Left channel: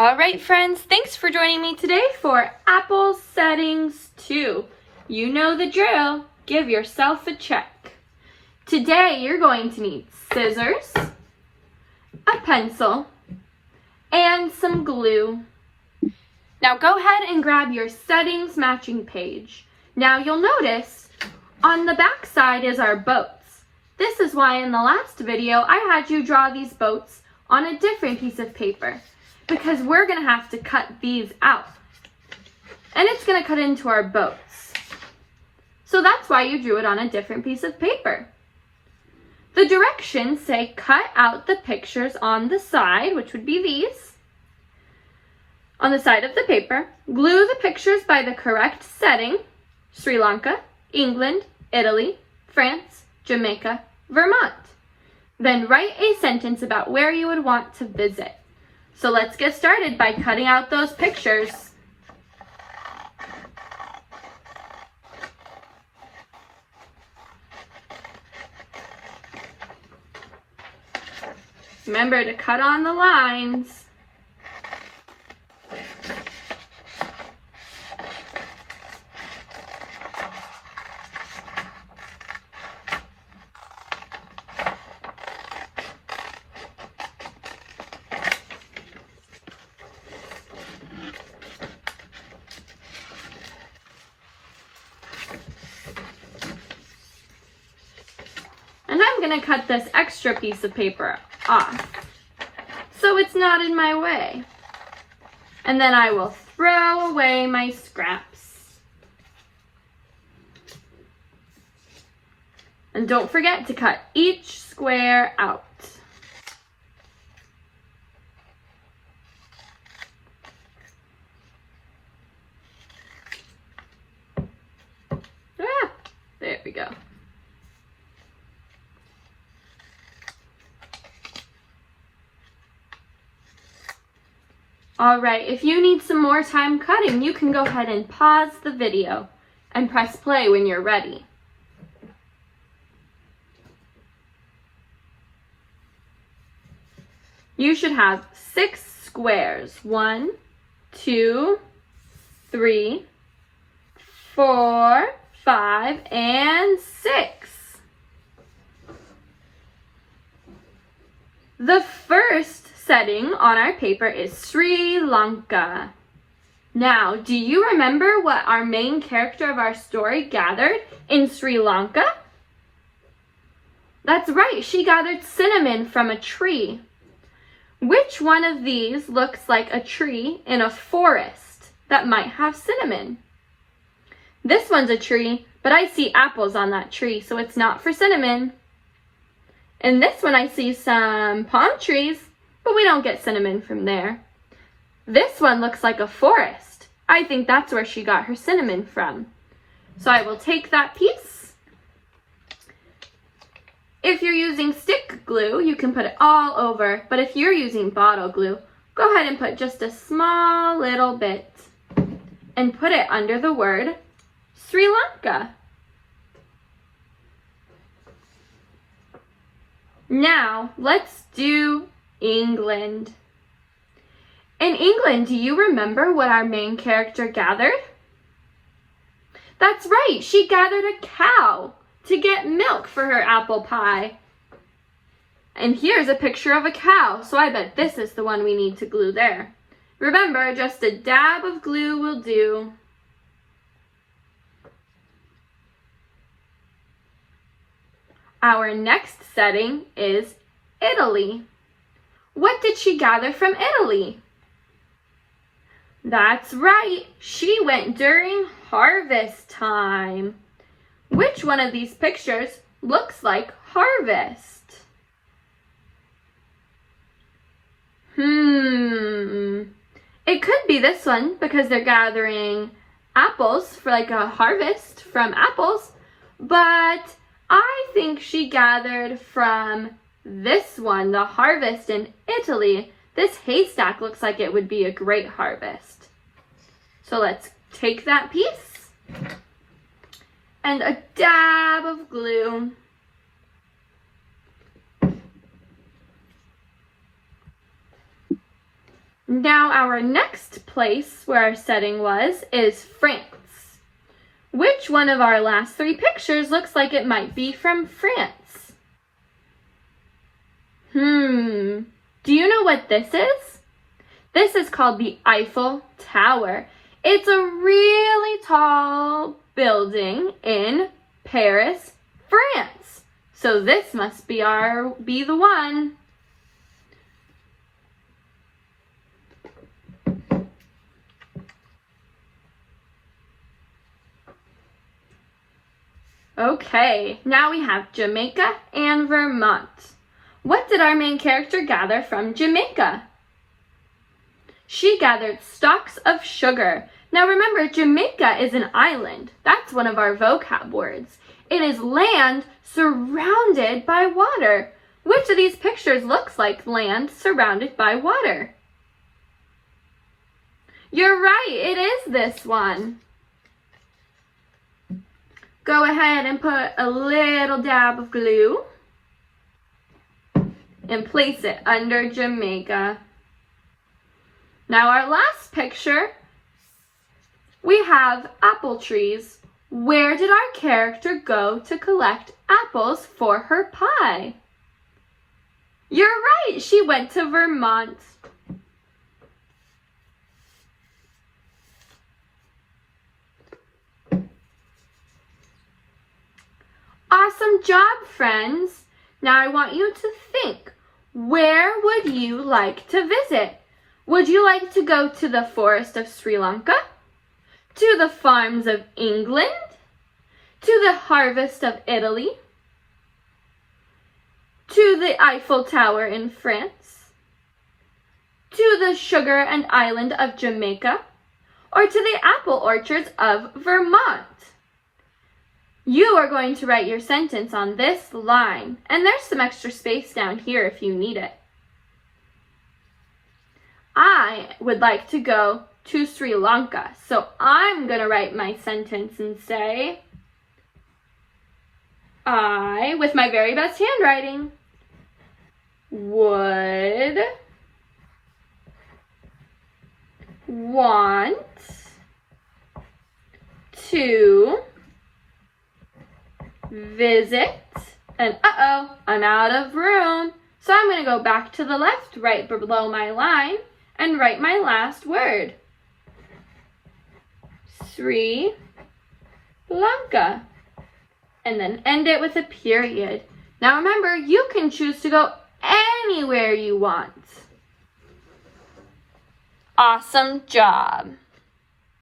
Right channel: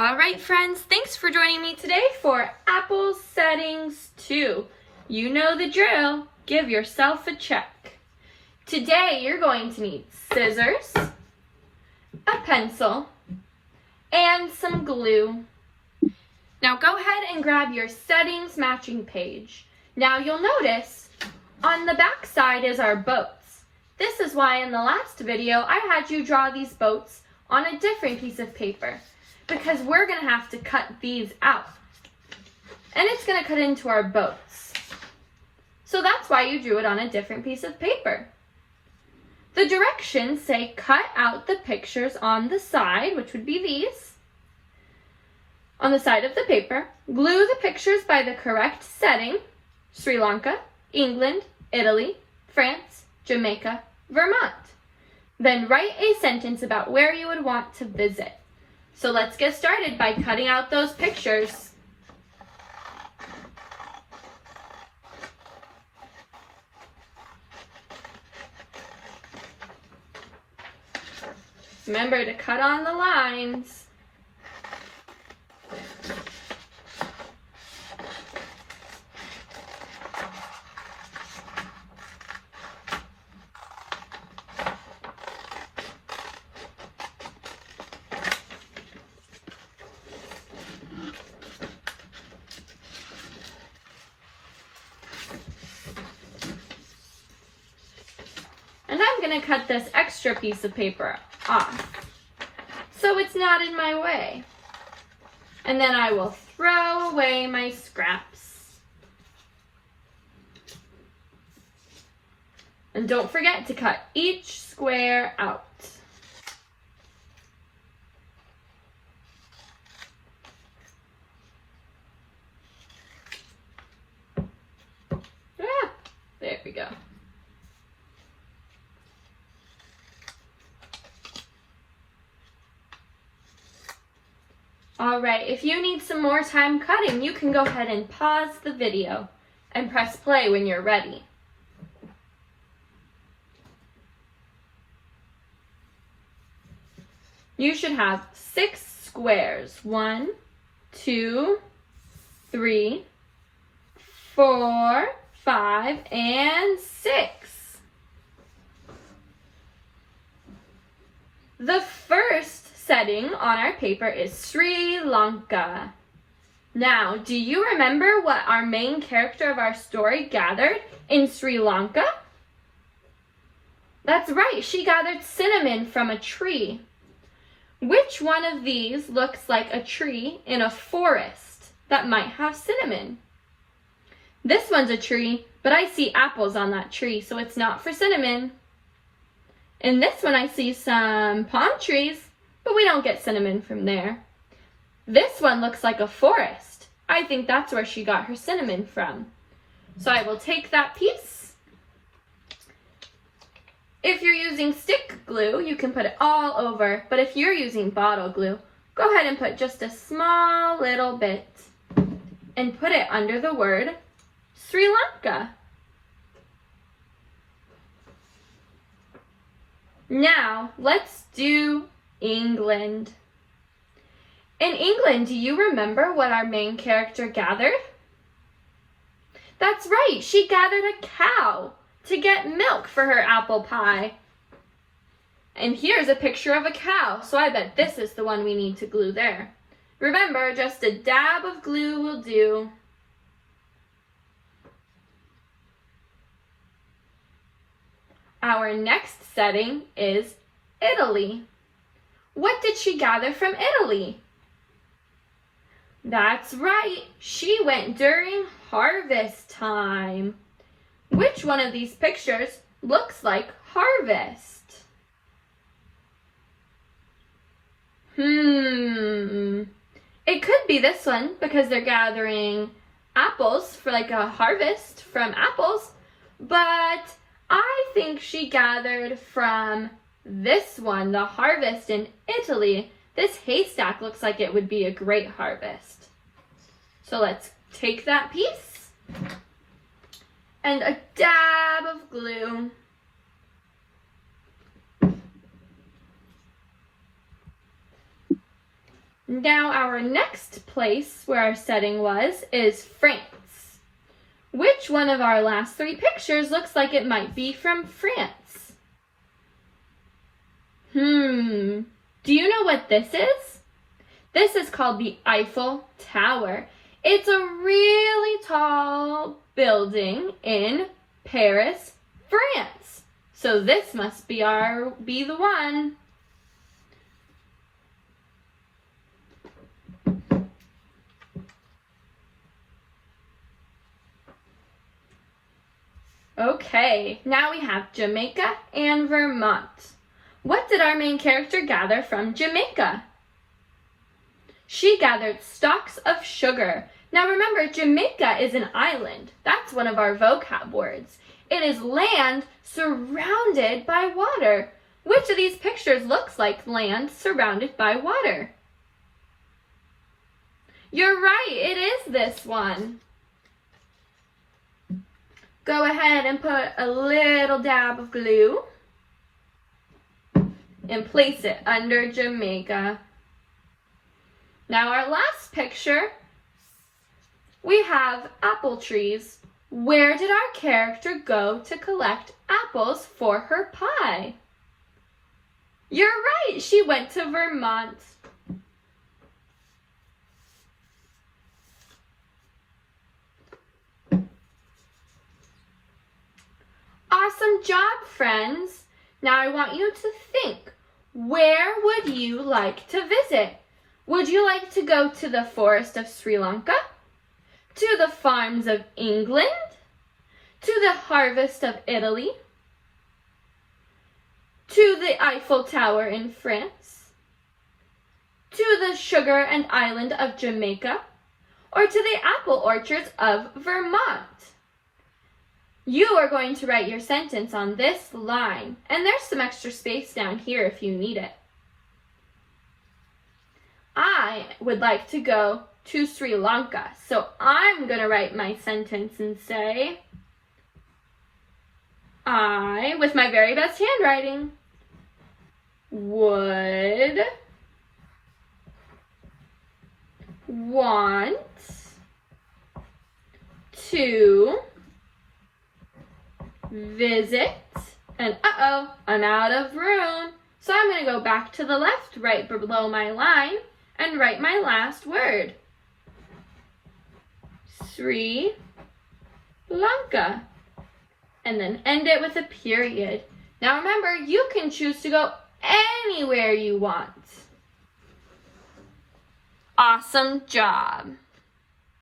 All right, friends, thanks for joining me today for Apple Settings 2. You know the drill. Give yourself a check. Today, you're going to need scissors, a pencil, and some glue. Now go ahead and grab your settings matching page. Now you'll notice on the back side is our boats. This is why in the last video I had you draw these boats on a different piece of paper, because we're going to have to cut these out. And it's going to cut into our boats. So that's why you drew it on a different piece of paper. The directions say cut out the pictures on the side, which would be these. On the side of the paper, glue the pictures by the correct setting: Sri Lanka, England, Italy, France, Jamaica, Vermont. Then write a sentence about where you would want to visit. So let's get started by cutting out those pictures. Remember to cut on the lines. And I'm going to cut this extra piece of paper off so it's not in my way. And then I will throw away my scraps. And don't forget to cut each square out. There we go. All right, if you need some more time cutting, you can go ahead and pause the video and press play when you're ready. You should have 6 squares. 1, 2, 3, 4, 5, and 6. The first setting on our paper is Sri Lanka. Now, do you remember what our main character of our story gathered in Sri Lanka? That's right, she gathered cinnamon from a tree. Which one of these looks like a tree in a forest that might have cinnamon? This one's a tree, but I see apples on that tree, so it's not for cinnamon. In this one, I see some palm trees, but we don't get cinnamon from there. This one looks like a forest. I think that's where she got her cinnamon from. So I will take that piece. If you're using stick glue, you can put it all over, but if you're using bottle glue, go ahead and put just a small little bit and put it under the word Sri Lanka. Now, let's do England. In England, do you remember what our main character gathered? That's right, she gathered a cow to get milk for her apple pie. And here's a picture of a cow, so I bet this is the one we need to glue there. Remember, just a dab of glue will do. Our next setting is Italy. What did she gather from Italy? That's right, she went during harvest time. Which one of these pictures looks like harvest? It could be this one because they're gathering apples for like a harvest from apples, but I think she gathered from this one, the harvest in Italy. This haystack looks like it would be a great harvest. So let's take that piece and a dab of glue. Now our next place where our setting was is France. Which one of our last three pictures looks like it might be from France? Do you know what this is? This is called the Eiffel Tower. It's a really tall building in Paris, France. So this must be the one. Okay, now we have Jamaica and Vermont. What did our main character gather from Jamaica? She gathered stalks of sugar. Now remember, Jamaica is an island. That's one of our vocab words. It is land surrounded by water. Which of these pictures looks like land surrounded by water? You're right, it is this one. Go ahead and put a little dab of glue and place it under Jamaica. Now our last picture, we have apple trees. Where did our character go to collect apples for her pie? You're right, she went to Vermont. Awesome job, friends. Now I want you to think, where would you like to visit? Would you like to go to the forest of Sri Lanka? To the farms of England? To the harvest of Italy? To the Eiffel Tower in France? To the sugar and island of Jamaica? Or to the apple orchards of Vermont? You are going to write your sentence on this line, and there's some extra space down here if you need it. I would like to go to Sri Lanka, so I'm going to write my sentence and say, I, with my very best handwriting, would want to visit, and I'm out of room. So I'm going to go back to the left right below my line and write my last word. Sri Lanka. And then end it with a period. Now remember, you can choose to go anywhere you want. Awesome job.